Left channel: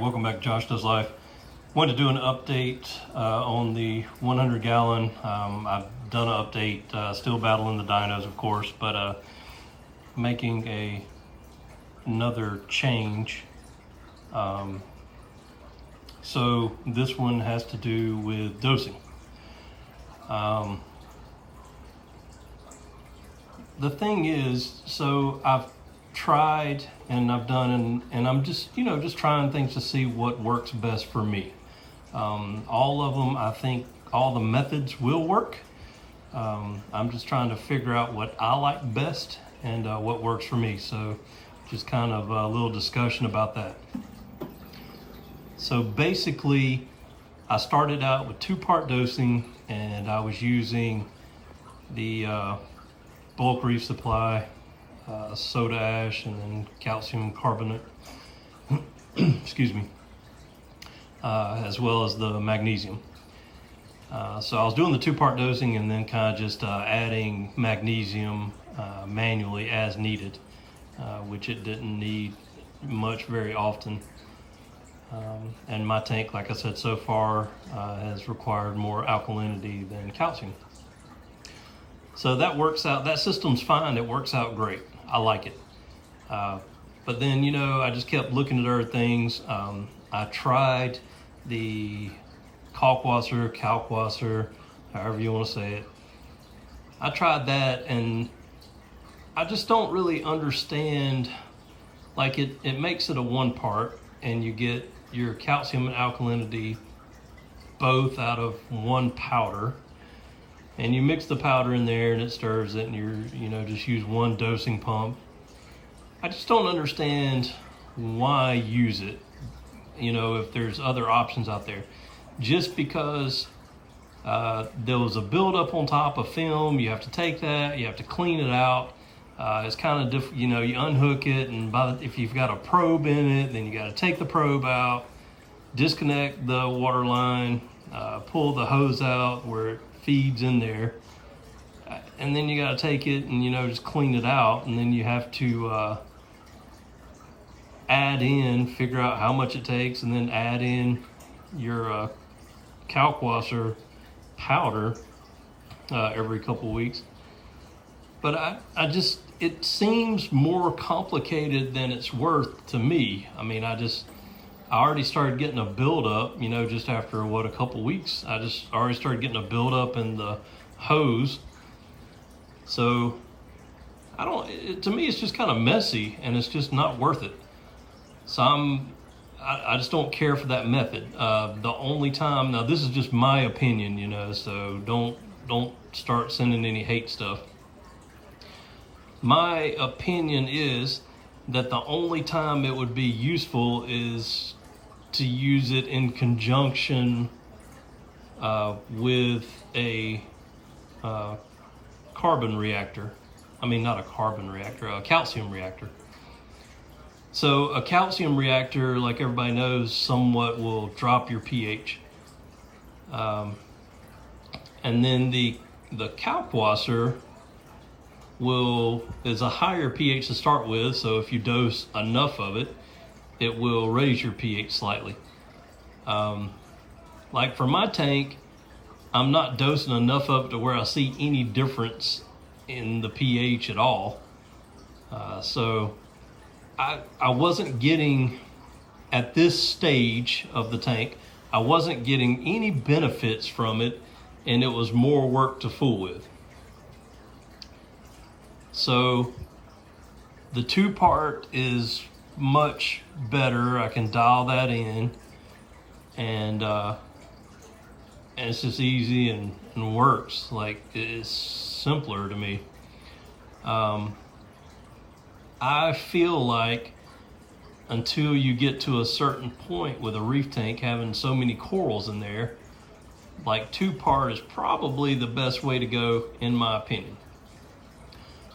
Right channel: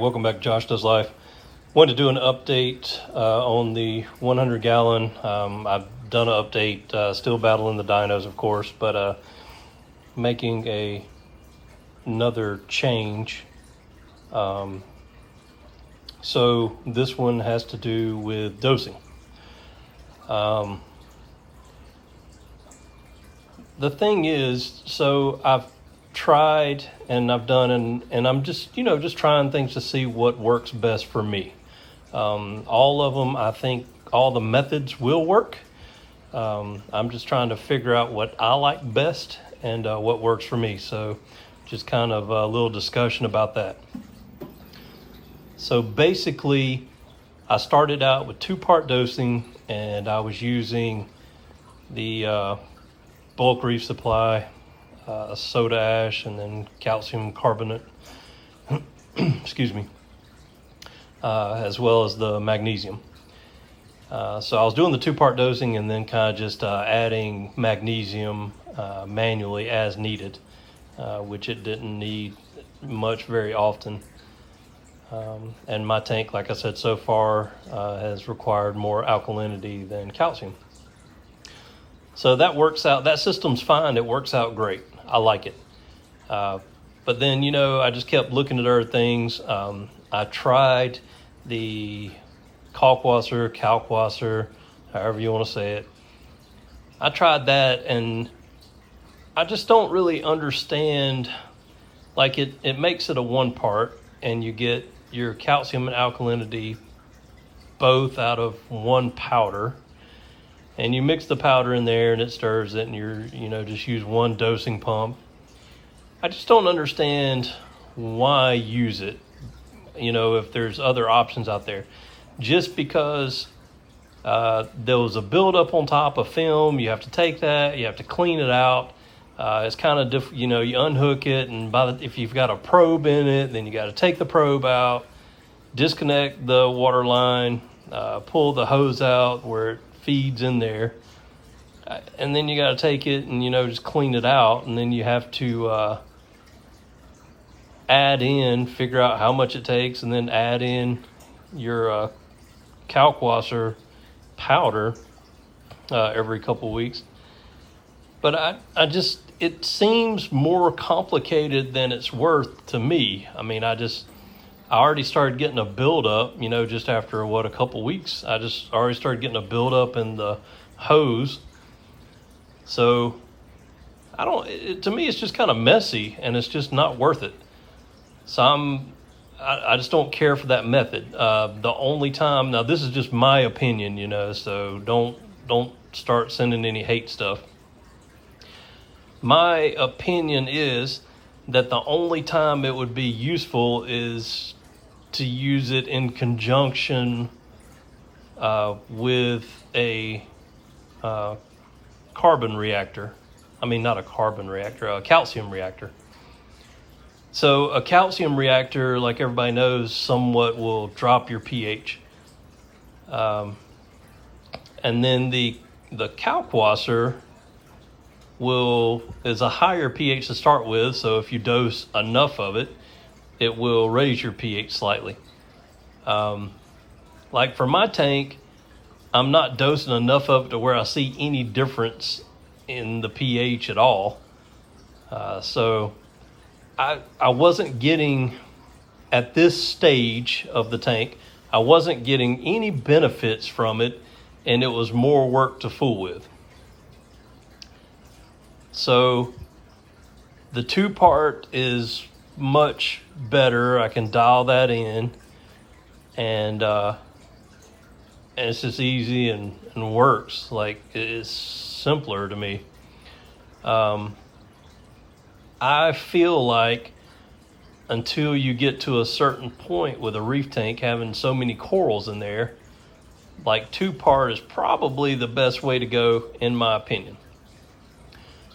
welcome back to Josh Does Life. Wanted to do an update on the 100 gallon. I've done an update, still battling the dynos, of course, but making another change. So this one has to do with dosing. The thing is, so I've tried and I've done and I'm just trying things to see what works best for me. All of them, I think all the methods will work. I'm just trying to figure out what I like best and what works for me. So just kind of a little discussion about that. So basically I started out with 2-part dosing, and I was using the bulk reef supply, soda ash, and then calcium carbonate, excuse me, as well as the magnesium. So I was doing the 2-part dosing and then kind of just adding magnesium manually as needed, which it didn't need much very often. And my tank, like I said, so far has required more alkalinity than calcium. So that works out, that system's fine, it works out great. I like it. But then, I just kept looking at other things. I tried the Kalkwasser, however you want to say it. I tried that, and I just don't really understand, like it makes it a 1-part, and you get your calcium and alkalinity both out of one powder. And you mix the powder in there and it stirs it, and you're, just use one dosing pump. I just don't understand why use it, if there's other options out there. Just because there was a buildup on top of film, you have to take that, you have to clean it out. It's kind of, you unhook it, and if you've got a probe in it, then you got to take the probe out, disconnect the water line, pull the hose out where it feeds in there, and then you got to take it and just clean it out, and then you have to figure out how much it takes, and then add in your Kalkwasser powder every couple weeks. But it seems more complicated than it's worth to me. I mean, I already started getting a buildup, just after a couple weeks. I just already started getting a buildup in the hose. So to me, it's just kind of messy, and it's just not worth it. So I just don't care for that method. The only time, now this is just my opinion, so don't start sending any hate stuff. My opinion is that the only time it would be useful is to use it in conjunction with a carbon reactor. I mean, not a carbon reactor, a calcium reactor. So a calcium reactor, like everybody knows, somewhat will drop your pH. And then the Kalkwasser is a higher pH to start with, so if you dose enough of it, it will raise your pH slightly. Like for my tank, I'm not dosing enough of it to where I see any difference in the pH at all. So I wasn't getting, at this stage of the tank, I wasn't getting any benefits from it, and it was more work to fool with. So the 2-part is much better. I can dial that in, and it's just easy and works. Like, it's simpler to me. I feel like until you get to a certain point with a reef tank having so many corals in there, like 2-part is probably the best way to go, in my opinion.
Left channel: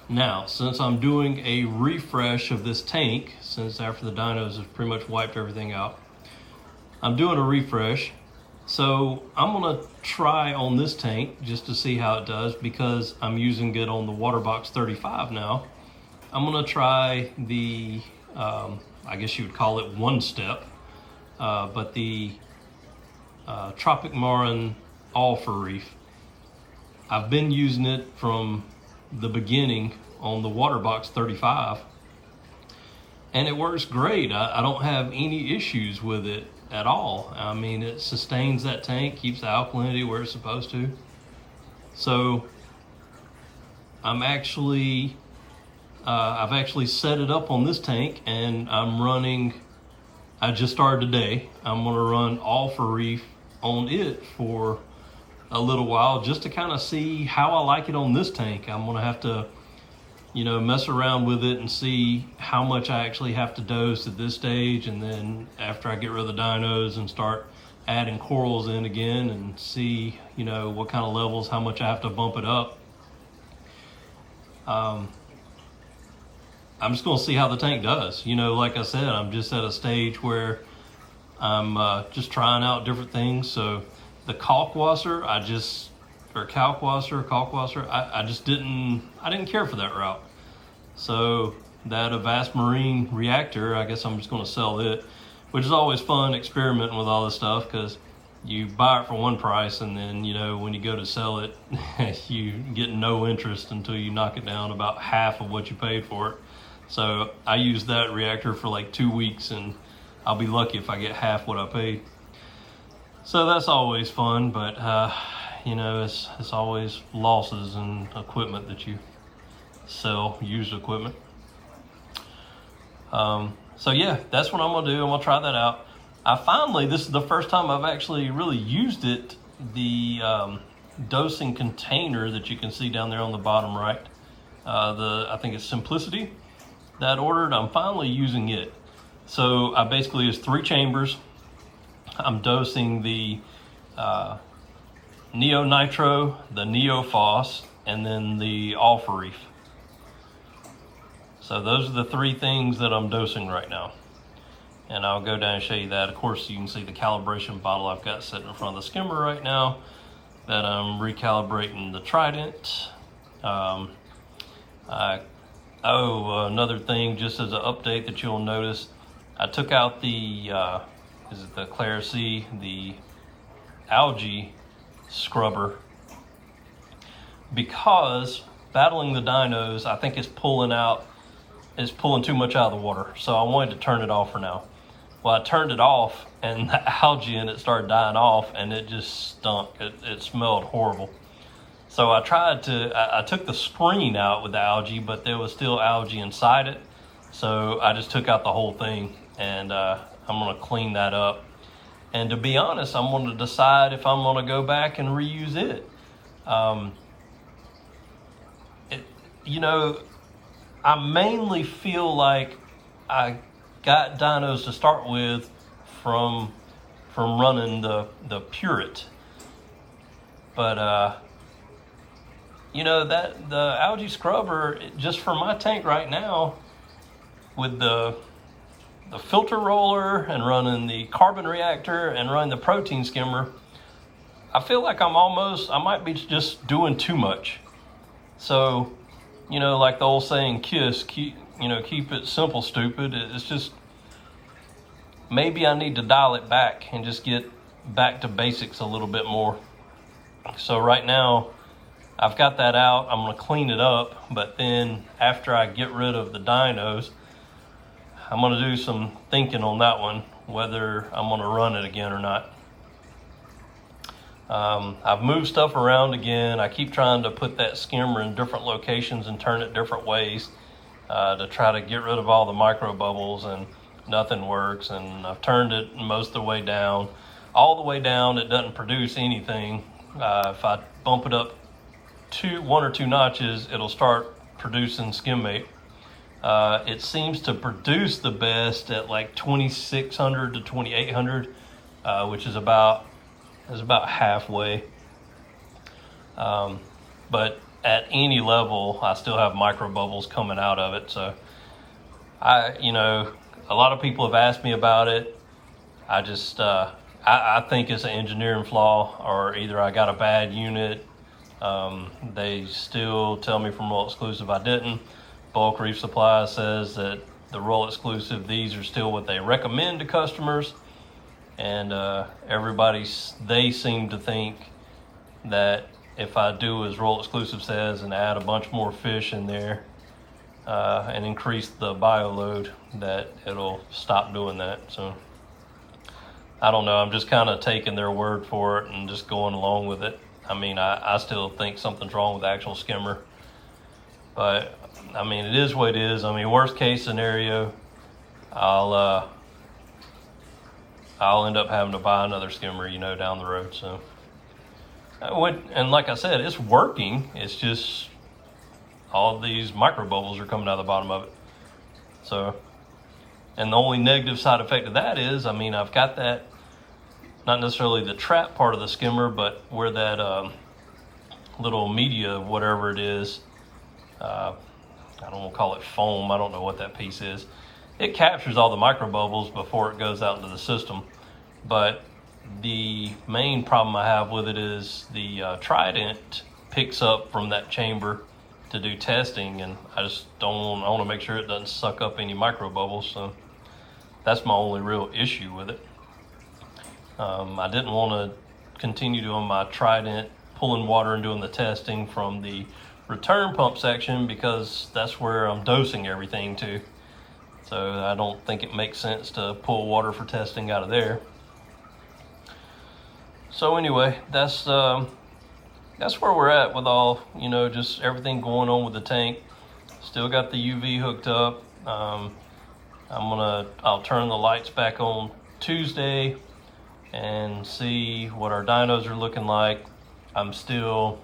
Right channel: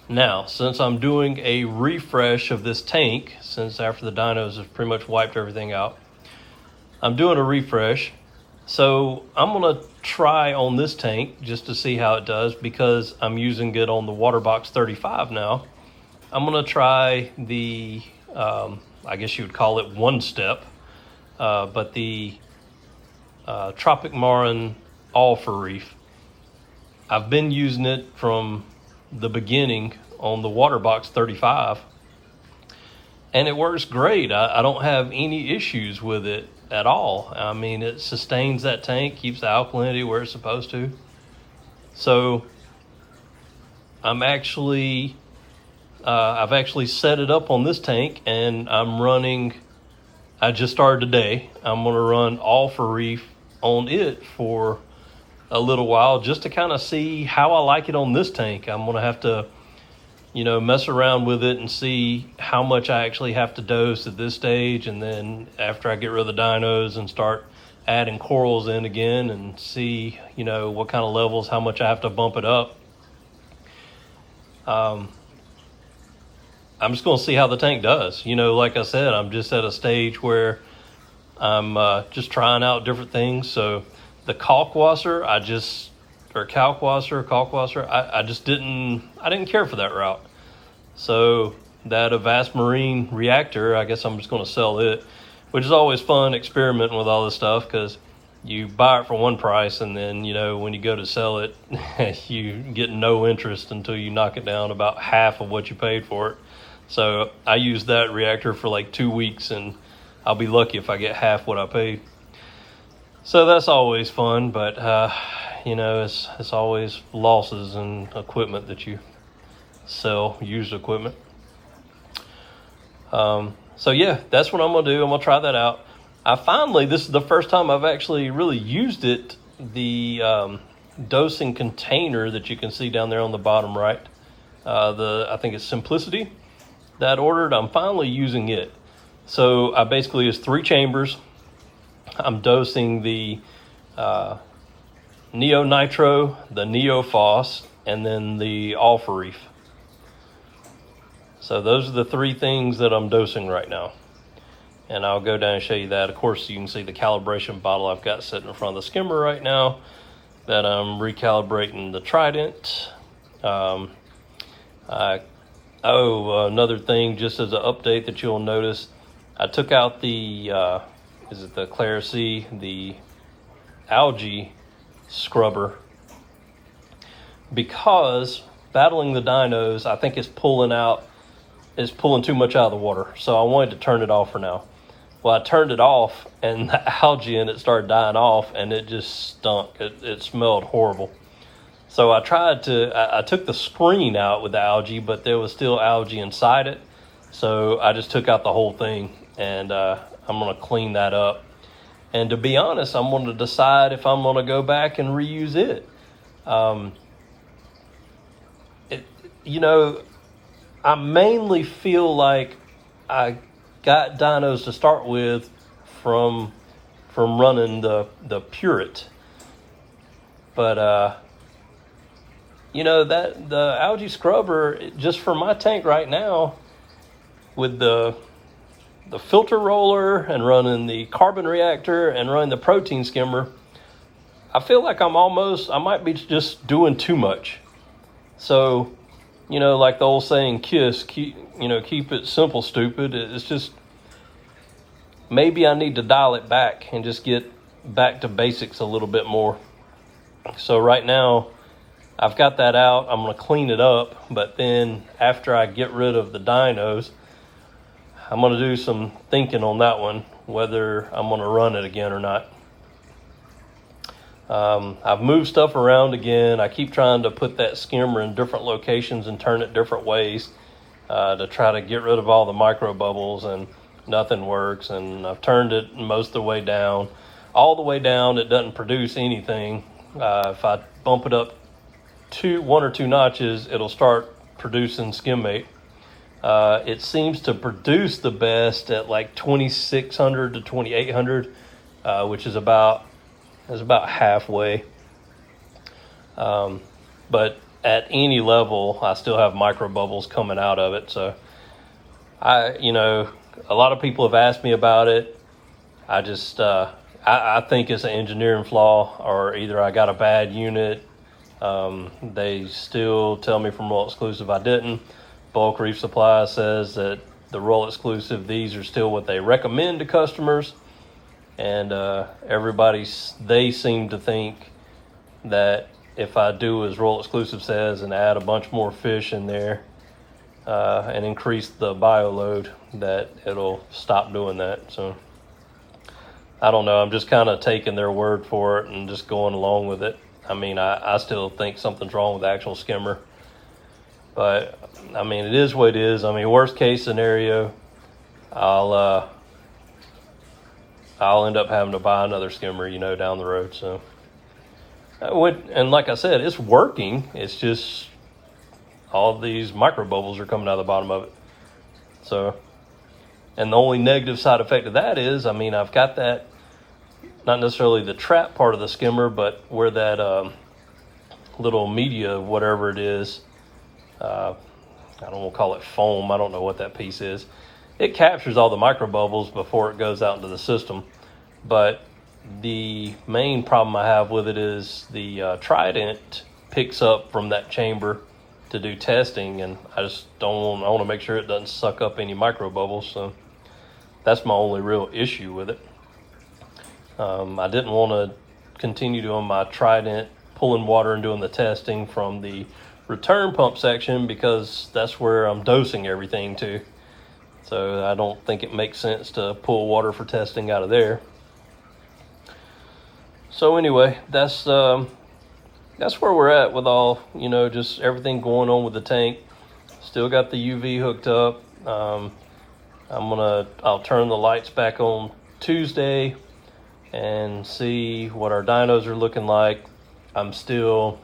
Now, since I'm doing a refresh of this tank, since after the dynos have pretty much wiped everything out, I'm doing a refresh. So I'm gonna try on this tank just to see how it does, because I'm using it on the Waterbox 35 now. I'm gonna try the, I guess you would call it 1-step, but the Tropic Marin Alpha Reef, I've been using it from the beginning on the Waterbox 35, and it works great. I don't have any issues with it at all. I mean, it sustains that tank, keeps the alkalinity where it's supposed to. So I've actually set it up on this tank, and I'm running, I just started today, I'm gonna run Alpha Reef on it for a little while just to kind of see how I like it on this tank. I'm gonna have to, mess around with it and see how much I actually have to dose at this stage, and then after I get rid of the dinos and start adding corals in again and see, what kind of levels, how much I have to bump it up. I'm just going to see how the tank does. Like I said, I'm just at a stage where I'm just trying out different things. So the Kalkwasser, I just didn't care for that route. So that Avast Marine reactor, I guess I'm just going to sell it, which is always fun experimenting with all this stuff, because you buy it for one price, and then, when you go to sell it, you get no interest until you knock it down about half of what you paid for it. So I used that reactor for like 2 weeks, and I'll be lucky if I get half what I paid. So that's always fun, but it's always losses in equipment that you sell, used equipment. So yeah, that's what I'm gonna do. I'm gonna try that out. This is the first time I've actually really used it. The dosing container that you can see down there on the bottom right, I think it's Simplicity that I ordered, I'm finally using it. So I basically, it's 3 chambers. I'm dosing the Neo Nitro, the Neo Phos, and then the Alpha Reef. So those are the 3 things that I'm dosing right now. And I'll go down and show you that. Of course, you can see the calibration bottle I've got sitting in front of the skimmer right now that I'm recalibrating the Trident. Another thing, just as an update that you'll notice, I took out the Clarisea, the algae scrubber, because battling the dinos, I think it's pulling too much out of the water. So I wanted to turn it off for now. Well, I turned it off, and the algae in it started dying off, and it just stunk. It smelled horrible. So I took the screen out with the algae, but there was still algae inside it. So I just took out the whole thing, and I'm gonna clean that up. And to be honest, I'm gonna decide if I'm gonna go back and reuse it. I mainly feel like I got dinos to start with from running the Pureit, but that the algae scrubber, just for my tank right now, with the filter roller and running the carbon reactor and running the protein skimmer, I feel like I might be just doing too much. So, like the old saying, keep it simple, stupid. It's just, maybe I need to dial it back and just get back to basics a little bit more. So right now, I've got that out. I'm gonna clean it up, but then after I get rid of the dinos, I'm gonna do some thinking on that one, whether I'm gonna run it again or not. I've moved stuff around again. I keep trying to put that skimmer in different locations and turn it different ways to try to get rid of all the micro bubbles, and nothing works. And I've turned it most of the way down. All the way down, it doesn't produce anything. If I bump it up 1 or 2 notches, it'll start producing skimmate. It seems to produce the best at like 2600 to 2800, which is about halfway. But at any level, I still have micro bubbles coming out of it. So a lot of people have asked me about it. I just, I think it's an engineering flaw, or either I got a bad unit. They still tell me from Roll Exclusive I didn't. Bulk Reef Supply says that the Roll Exclusive, these are still what they recommend to customers. and they seem to think that if I do as Royal Exclusive says and add a bunch more fish in there and increase the bio load, that it'll stop doing that. So I don't know. I'm just kind of taking their word for it and just going along with it. I mean, I still think something's wrong with the actual skimmer, but I mean, it is what it is. I mean, worst case scenario, I'll end up having to buy another skimmer, down the road. So and like I said, it's working. It's just all these micro bubbles are coming out of the bottom of it. So, and the only negative side effect of that is, I mean, I've got that, not necessarily the trap part of the skimmer, but where that little media, whatever it is, I don't want to call it foam, I don't know what that piece is. It captures all the micro bubbles before it goes out into the system. But the main problem I have with it is the Trident picks up from that chamber to do testing, and I want to make sure it doesn't suck up any micro bubbles. So that's my only real issue with it. I didn't want to continue doing my Trident pulling water and doing the testing from the return pump section, because that's where I'm dosing everything to. So I don't think it makes sense to pull water for testing out of there. So anyway, that's where we're at with all, just everything going on with the tank. Still got the UV hooked up. I'll turn the lights back on Tuesday and see what our dynos are looking like. I'm still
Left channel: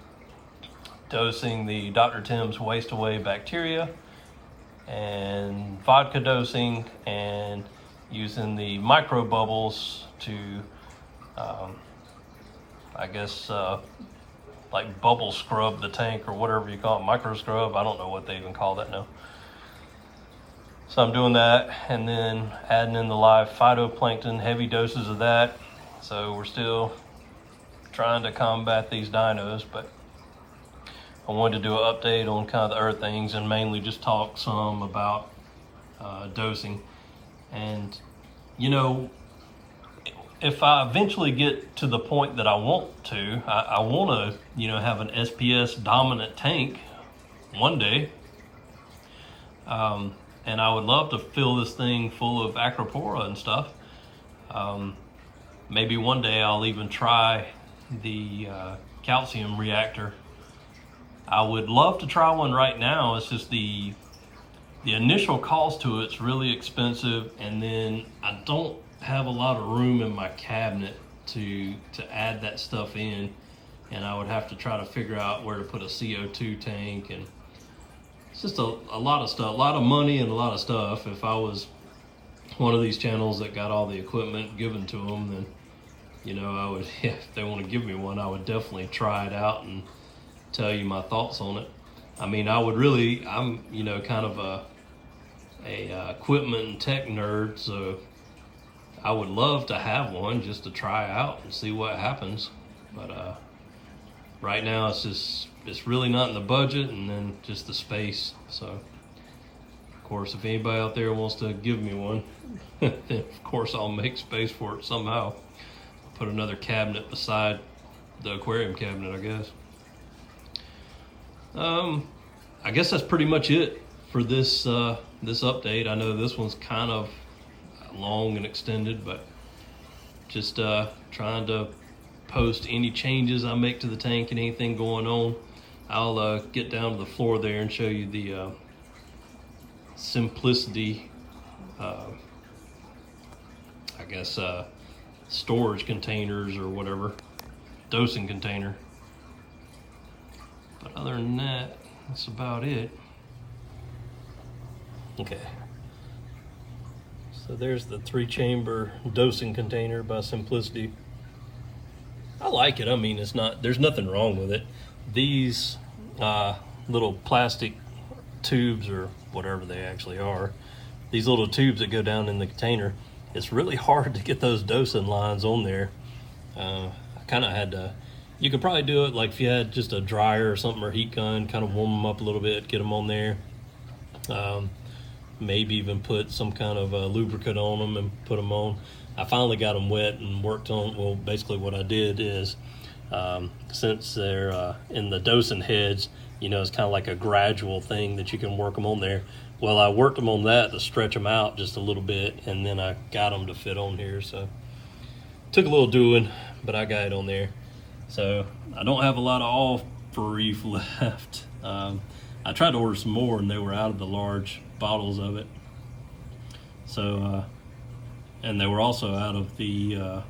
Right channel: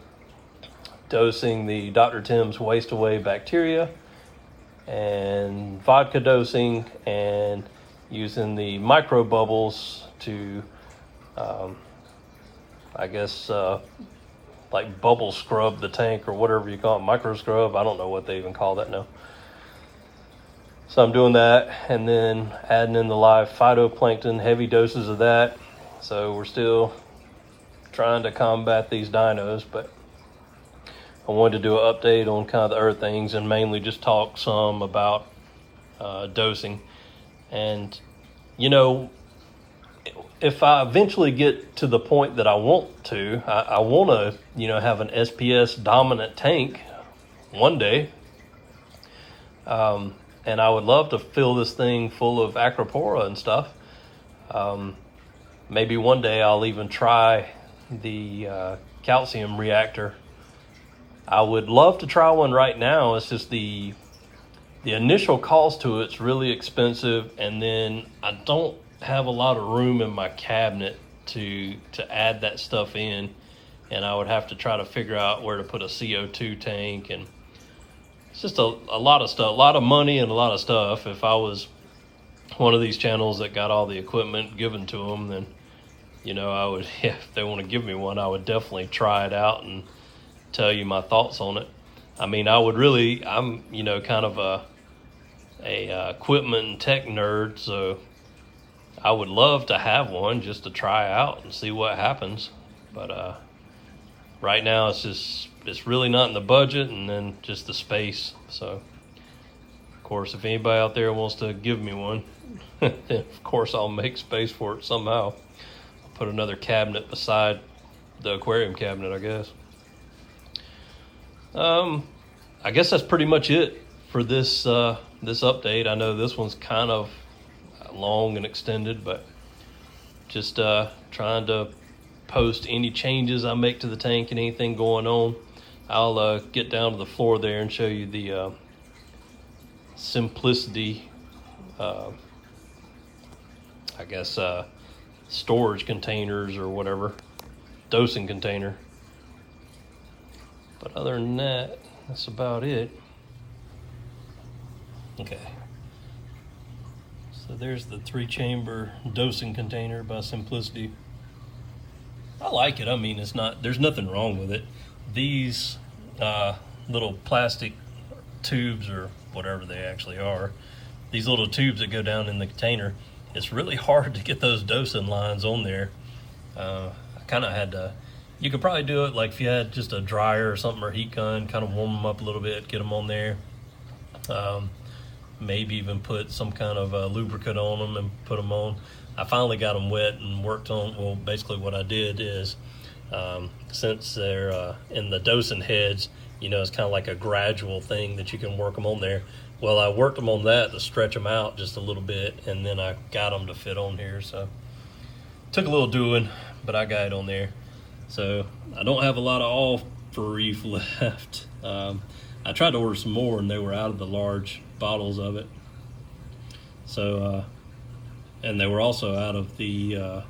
dosing the Dr. Tim's waste away bacteria and vodka dosing, and using the micro bubbles to like bubble scrub the tank, or whatever you call it, micro scrub. I don't know what they even call that now. So I'm doing that, and then adding in the live phytoplankton, heavy doses of that. So we're still trying to combat these dinos, but I wanted to do an update on kind of the earth things, and mainly just talk some about dosing. And if I eventually get to the point that I want to, I want to, have an SPS dominant tank one day. And I would love to fill this thing full of Acropora and stuff. Maybe one day I'll even try the calcium reactor. I would love to try one right now. It's just the initial cost to it's really expensive, and then I don't have a lot of room in my cabinet to add that stuff in, and I would have to try to figure out where to put a CO2 tank, and it's just a lot of stuff, a lot of money and a lot of stuff. If I was one of these channels that got all the equipment given to them, then I would, if they want to give me one, I would definitely try it out and tell you my thoughts on it. I mean, I'm kind of a equipment and tech nerd, so I would love to have one just to try out and see what happens. But right now it's really not in the budget, and then just the space. So of course, if anybody out there wants to give me one, of course I'll make space for it somehow. Put another cabinet beside the aquarium cabinet, I guess. I guess that's pretty much it for this update. I know this one's kind of long and extended, but just trying to post any changes I make to the tank and anything going on. I'll get down to the floor there and show you the Simplicity storage containers or whatever, dosing container. But other than that, that's about it. Okay. So there's the 3-chamber dosing container by Simplicity. I like it. I mean, there's nothing wrong with it. These little plastic tubes, or whatever they actually are, these little tubes that go down in the container, it's really hard to get those dosing lines on there. I kind of had to, you could probably do it like if you had just a dryer or something, or heat gun, kind of warm them up a little bit, get them on there. Maybe even put some kind of lubricant on them and put them on. I finally got them wet and worked on, well, basically what I did is, since they're in the dosing heads, you know, it's kind of like a gradual thing that you can work them on there. Well, I worked them on that to stretch them out just a little bit, and then I got them to fit on here. So took a little doing, but I got it on there. So I don't have a lot of all for reef left. I tried to order some more, and they were out of the large bottles of it. So, and they were also out of the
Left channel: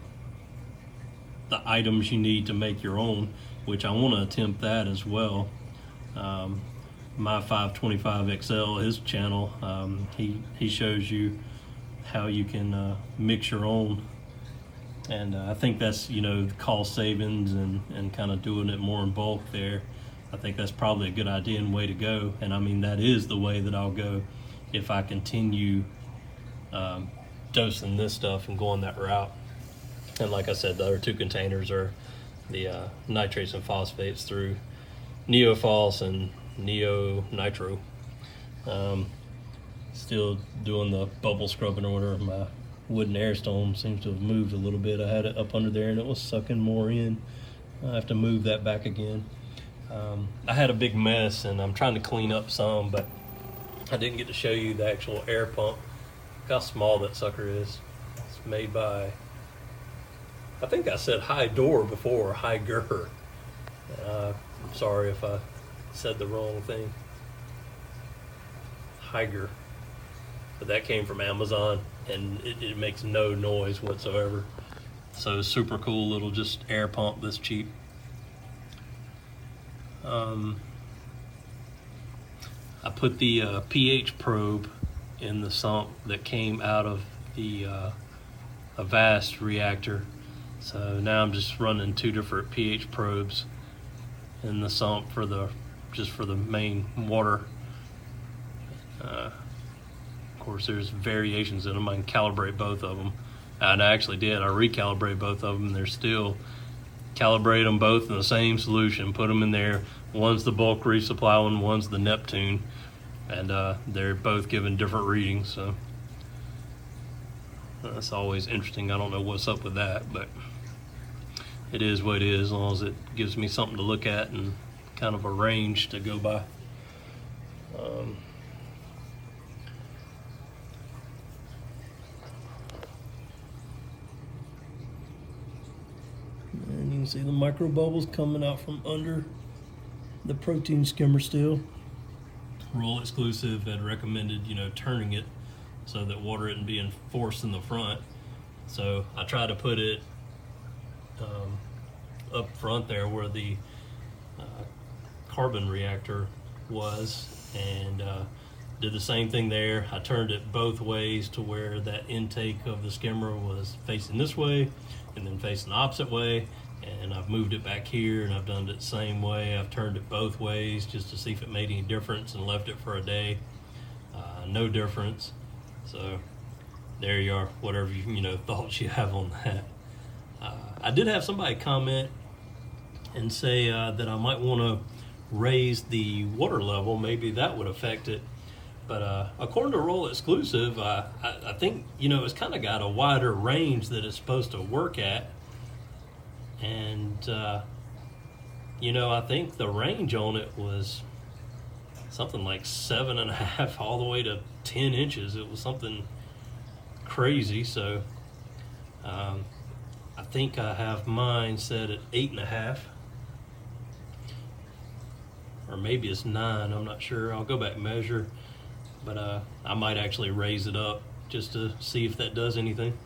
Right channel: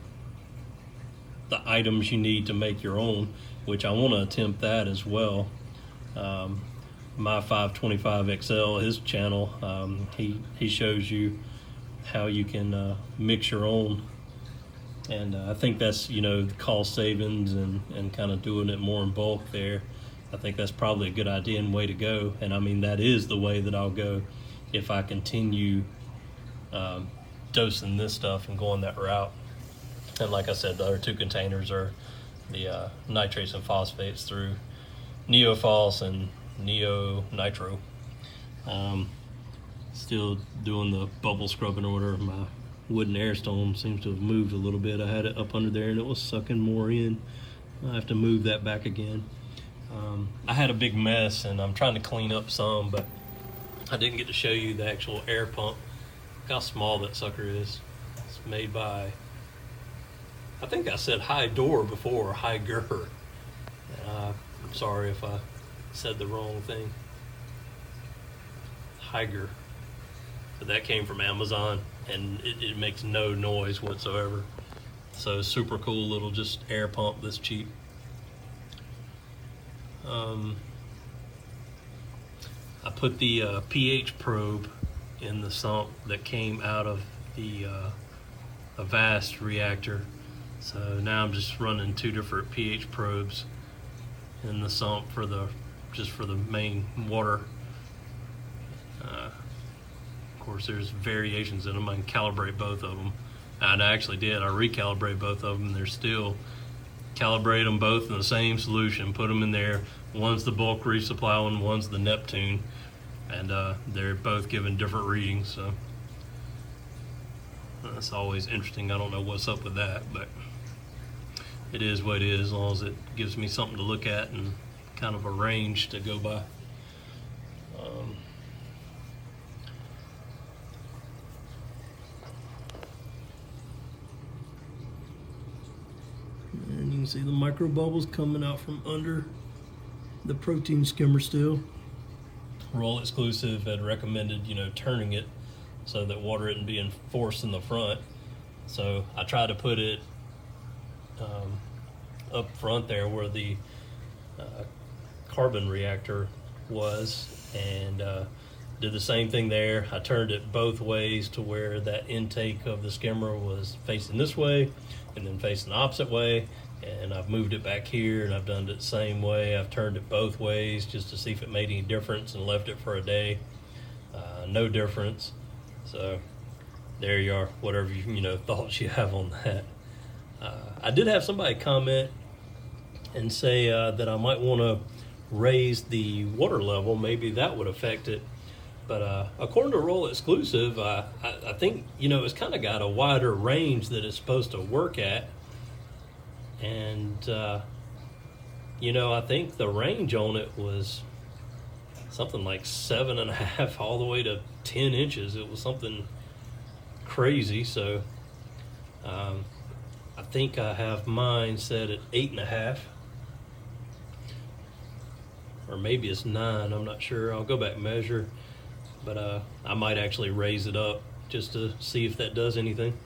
items you need to make your own, which I want to attempt that as well. My 525 XL, his channel, he shows you how you can mix your own, and I think that's, you know, cost savings and kind of doing it more in bulk there. I think that's probably a good idea and way to go. And I mean, that is the way that I'll go if I continue dosing this stuff and going that route. And like I said, the other two containers are the nitrates and phosphates through Neofos and Neo Nitro. Still doing the bubble scrubbing or whatever. My wooden air stone seems to have moved a little bit. I had it up under there and it was sucking more in. I have to move that back again. I had a big mess and I'm trying to clean up some, but I didn't get to show you the actual air pump. Look how small that sucker is. It's made by, I think I said Hydor before, Hygger. I'm sorry if I said the wrong thing. Hygger. But that came from Amazon, and it makes no noise whatsoever. So super cool little just air pump that's cheap. I put the pH probe in the sump that came out of the Avast reactor. So now I'm just running two different pH probes in the sump for the main water. Of course, there's variations in them. I can calibrate both of them, and I actually did. I recalibrate both of them. They're still calibrate them both in the same solution. Put them in there. One's the bulk resupply one, one's the Neptune, and they're both giving different readings. So that's always interesting. I don't know what's up with that, but it is what it is, as long as it gives me something to look at and kind of a range to go by. And you can see the micro bubbles coming out from under the protein skimmer still. Roll Exclusive had recommended, you know, turning it so that water isn't being forced in the front. So I try to put it up front there where the carbon reactor was, and did the same thing there. I turned it both ways to where that intake of the skimmer was facing this way and then facing the opposite way, and I've moved it back here and I've done it the same way. I've turned it both ways just to see if it made any difference and left it for a day. No difference. So there you are, whatever you know thoughts you have on that. I did have somebody comment and say that I might want to raise the water level. Maybe that would affect it. But according to Roll Exclusive, I think, you know, it's kind of got a wider range that it's supposed to work at. And, you know, I think the range on it was something like 7.5 all the way to 10 inches. It was something crazy. So I think I have mine set at 8.5. Or maybe it's 9, I'm not sure. I'll go back and measure. But I might actually raise it up just to see if that does anything.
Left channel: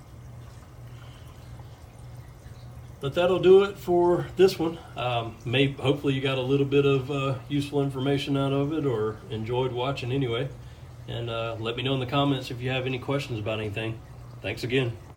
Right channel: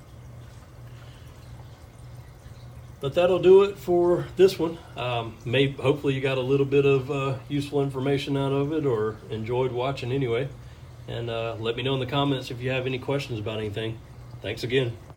But that'll do it for this one. Hopefully you got a little bit of useful information out of it or enjoyed watching anyway. And let me know in the comments if you have any questions about anything. Thanks again.